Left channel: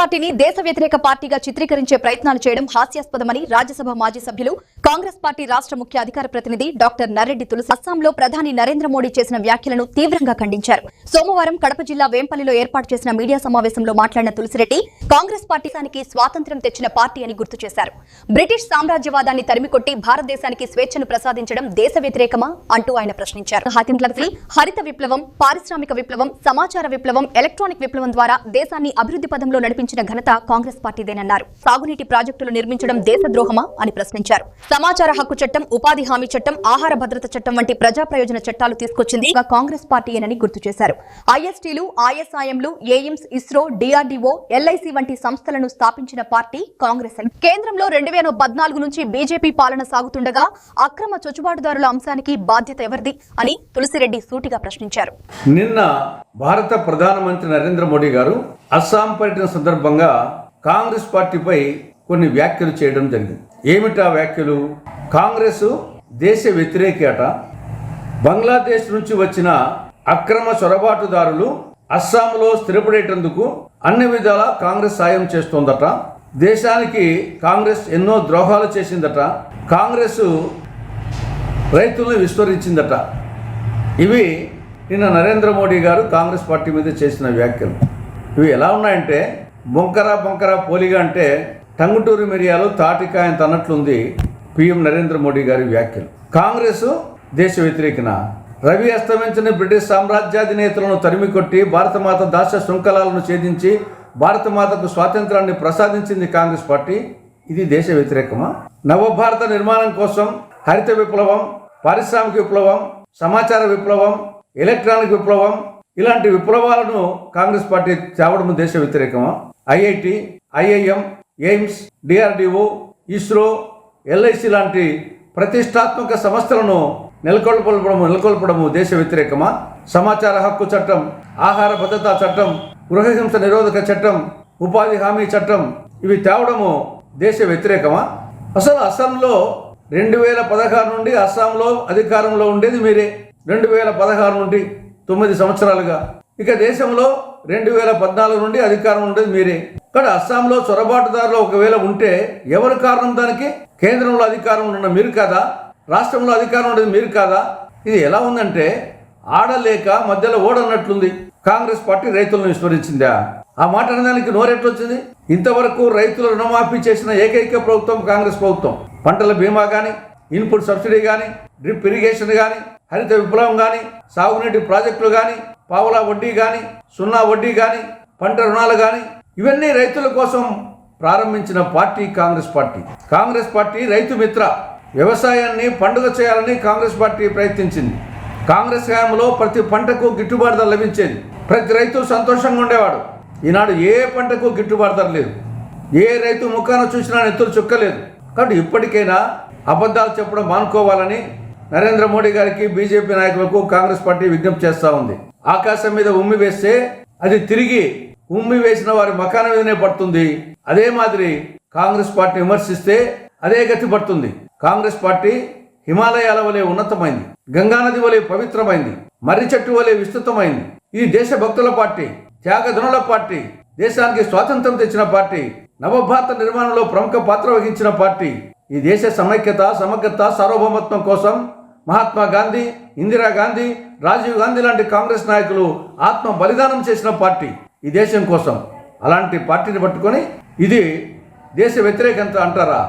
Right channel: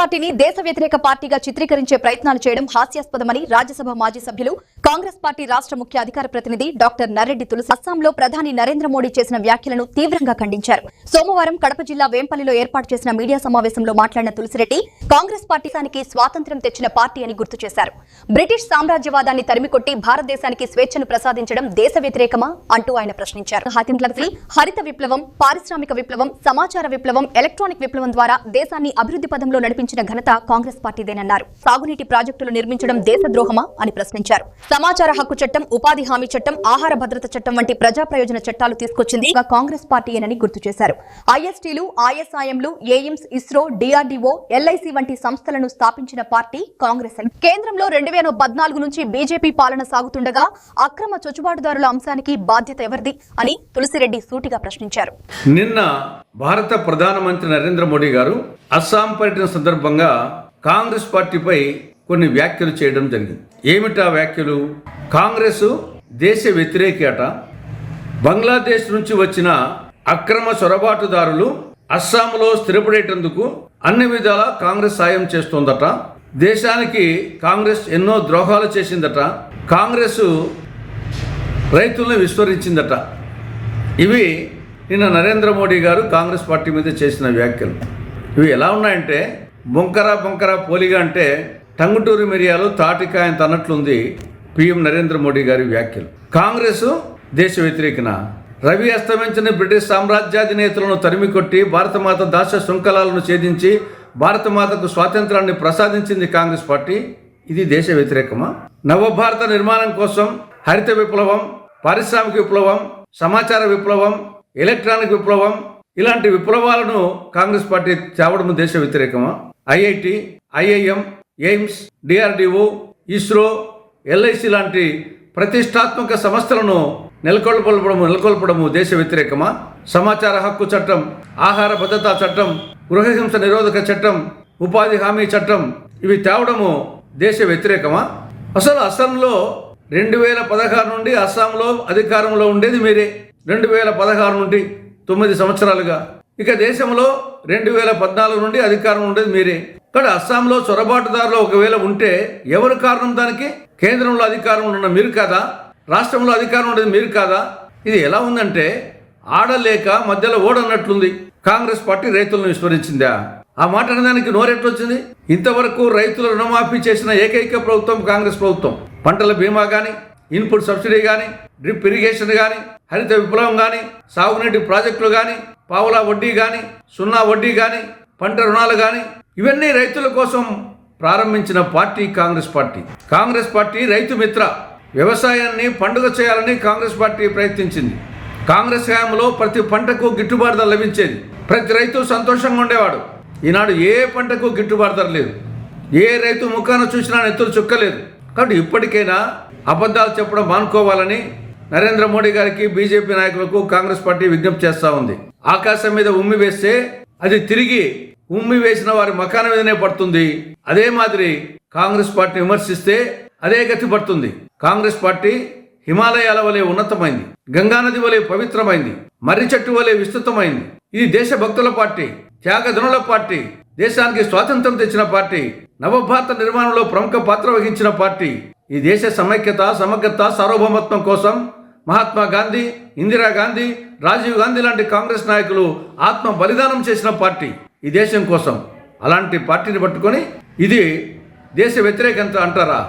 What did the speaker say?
పార్టీని దేశ వ్యతిరేక పార్టీగా చిత్రీకరించే ప్రయత్నాలు చేయడం హాస్యాస్పదమని రాజ్యసభ మాజీ సభ్యులు కాంగ్రెస్ పార్టీ రాష్ట్ర ముఖ్య అధికార ప్రతినిధి డాక్టర్ నర్రెడ్డి తులసి అస్సాంలో ప్రధాని నరేంద్ర మోడీ చేసిన వ్యాఖ్యలను తీవ్రంగా ఖండించారు. సోమవారం కడప జిల్లా వేంపల్లిలో ఏర్పాటు చేసిన మీడియా సమావేశంలో మాట్లాడిన తులసిరెడ్డి కాంగ్రెస్ పార్టీకి స్వాతంత్ర్యం తెచ్చిన పార్టీ అని గుర్తు చేశారు. బ్రిటిష్ సామ్రాజ్యవాదాన్ని తరిమికొట్టి భారతదేశానికి స్వేచ్ఛను ప్రసాదించడం దేశ వ్యతిరేకమా అంటూ ఆయన ప్రశ్నించారు. హరిత విప్లవం, పారిశ్రామిక విప్లవం, సమాచార విప్లవం, ఎలక్ట్రానిక్ విప్లవం ద్వారా దేశాన్ని అభివృద్ధి పదంలో నడిపించిన ఘనత కాంగ్రెస్ పార్టీదేనన్నారు. సాగునీటి ప్రాజెక్టులు నిర్మించడం దేశద్రోహమా అని ప్రశ్నించారు. సమాచార హక్కు చట్టం, ఉపాధి హామీ చట్టం, ఆహార భద్రత చట్టం వంటి ప్రజా ప్రయోజన చట్టాలు తీసుకొచ్చింది కాంగ్రెస్ పార్టీయేనని గుర్తు చేశారు. ఐఎస్టీలు, ఐఎస్ఐఎంలు, ఎయిమ్స్, ఇస్రో, డిఆర్డీఓ, ఎల్ఐసి వంటి సంస్థలను స్థాపించిన పార్టీ కాంగ్రెస్ అని. కేంద్రంలో 2014 నుంచి బీజేపీ పాలన సాగుతుండగా అక్రమ చొచ్చుబాటుదారుల అంశానికి బాధ్యత ఎవరిది అని తులసిరెడ్డి సూటిగా ప్రశ్నించారు. నిన్న భారత ప్రధానమంత్రి నరేంద్ర మోడీ గారు అస్సాం పర్యటన సందర్భంగా కాంగ్రెస్ పార్టీపై కొన్ని వ్యాఖ్యలు చేయడం జరిగింది. ఏమిటా వ్యాఖ్యలు? కాంగ్రెస్ దేశ వ్యతిరేకట, బంగ్లాదేశ్ నుంచి వచ్చిన అక్రమ చొరబాటుదారులు అస్సాంలో స్థిరపడేటందుకు అన్ని విధాలా కాంగ్రెస్ సాయం చేస్తోందట, దేశానికి కాంగ్రెస్ ఎన్నో ద్రోహాలు చేసిందట, కాంగ్రెస్ రైతులను విస్మరించిందట. ఇవి నిన్న నరేంద్ర మోడీ గారు కాంగ్రెస్ పార్టీ మీద చేసిన వ్యాఖ్యలు. ఇవి ఎలా ఉన్నాయంటే బొంకర పోలిగా అంటే టంగుటూరి మిరియాలు తాటికాయంత అన్నట్లుంది పిఎం నరేంద్ర మోడీ గారి వ్యాఖ్యలు. కాంగ్రెస్ దేశ వ్యతిరేకన, రవి అస్తమించిన బ్రిటిష్ సామ్రాజ్యాధినేతలను తరిమికొట్టి భారతమాత దాస్య శృంఖలాలను ఛేదించి భారతమాతకు స్వాతంత్రాన్ని ప్రసాదించింది కాంగ్రెస్ పార్టీ. ఇది దేశ వ్యతిరేకమా? నవభారత నిర్మాణం కోసం హరిత విప్లవం, పారిశ్రామిక విప్లవం, సమాచార విప్లవం, ఎలక్ట్రానిక్ విప్లవం ఇలాంటి విప్లవాలను కాంగ్రెస్ పార్టీ తేవడం దేశ వ్యతిరేకమా? IIT, IIM, AIIMS, DRDO, ISRO, LIC లాంటి ప్రతిష్టాత్మక సంస్థలను నెలకొల్పడము దేశ వ్యతిరేకమా? సమాచార హక్కు చట్టం, ఆహార భద్రతా చట్టం, గృహహింస నిరోధక చట్టం, ఉపాధి హామీ చట్టం ఇవి తేవడము దేశ వ్యతిరేకమా? అసలు అస్సాంలో 2016 నుండి అస్సాంలో అధికారంలో ఉండేది మీరే. 2016 నుండి 9 సంవత్సరాలుగా. ఇక దేశంలో 2014 నుండి అధికారం ఉండేది మీరే. కానీ అస్సాంలో చొరబాటుదారులు ఒకవేళ ఉంటే ఎవరు కారణం దానికి? కేంద్రంలో అధికారంలో ఉన్న మీరు కాదా? రాష్ట్రంలో అధికారం ఉండేది మీరు కాదా? ఇది ఎలా ఉందంటే ఆడలేక మధ్యలో ఓడన్నట్లుంది. కాంగ్రెస్ పార్టీ రైతులను విస్మరించిందా? ఆ మాట అనడానికి నోరెట్లొచ్చింది? ఇంతవరకు రైతుల రుణమాఫీ చేసిన ఏకైక ప్రభుత్వం కాంగ్రెస్ ప్రభుత్వం. పంటల బీమా కానీ, ఇన్పుట్ సబ్సిడీ కానీ, డ్రిప్ ఇరిగేషన్ కానీ, హరిత విప్లవం కానీ, సాగునీటి ప్రాజెక్టులు కానీ, పావులా వడ్డీ కానీ, సున్నా వడ్డీ కానీ, పంట రుణాలు కానీ ఇవన్నీ రైతుల కోసం ప్రారంభించిన party Congress party. Congress party Rythu Mitra. వ్యవసాయాన్ని పండుగ చేయాలని కాంగ్రెస్ పార్టీ ప్రయత్నించింది. కాంగ్రెస్ హయాంలో ప్రతి పంటకు గిట్టుబాటు ధర లభించేది. ప్రతి రైతు సంతోషంగా ఉండేవాడు. ఈనాడు ఏ పంటకు గిట్టుబాటు ధర లేదు. ఏ రైతు ముఖాన చూసినా నెత్తులు చుక్కలేదు. కాబట్టి ఇప్పటికైనా అబద్ధాలు చెప్పడం మానుకోవాలని నరేంద్ర మోడీ గారికి, బీజేపీ నాయకులకు కాంగ్రెస్ పార్టీ విజ్ఞప్తి చేస్తూ ఉంది. ఆకాశం మీద ఉమ్మి వేస్తే అది తిరిగి ఉమ్మి వేసిన వారి మకాన మీదనే పడుతుంది. అదే మాదిరి కాంగ్రెస్ పార్టీ విమర్శిస్తే అదే గతి పడుతుంది. కాంగ్రెస్ పార్టీ హిమాలయాల వలె ఉన్నతమైంది, గంగానది వలె పవిత్రమైంది, మర్రి చెట్టు వలె విస్తృతమైంది. ఇది దేశభక్తుల పార్టీ, త్యాగధనుల పార్టీ, దేశానికి స్వాతంత్రం తెచ్చిన పార్టీ, నవభారత నిర్మాణంలో ప్రముఖ పాత్ర వహించిన పార్టీ. ఈ దేశ సమైక్యత, సమగ్రత, సార్వభౌమత్వం కోసం మహాత్మా గాంధీ, ఇందిరాగాంధీ, రాజీవ్ గాంధీ లాంటి కాంగ్రెస్ నాయకులు ఆత్మ బలిదానం చేసిన పార్టీ ఈ దేశం కోసం. అలాంటి పార్టీని పట్టుకొని ఇది దేశ వ్యతిరేకత అంటారా?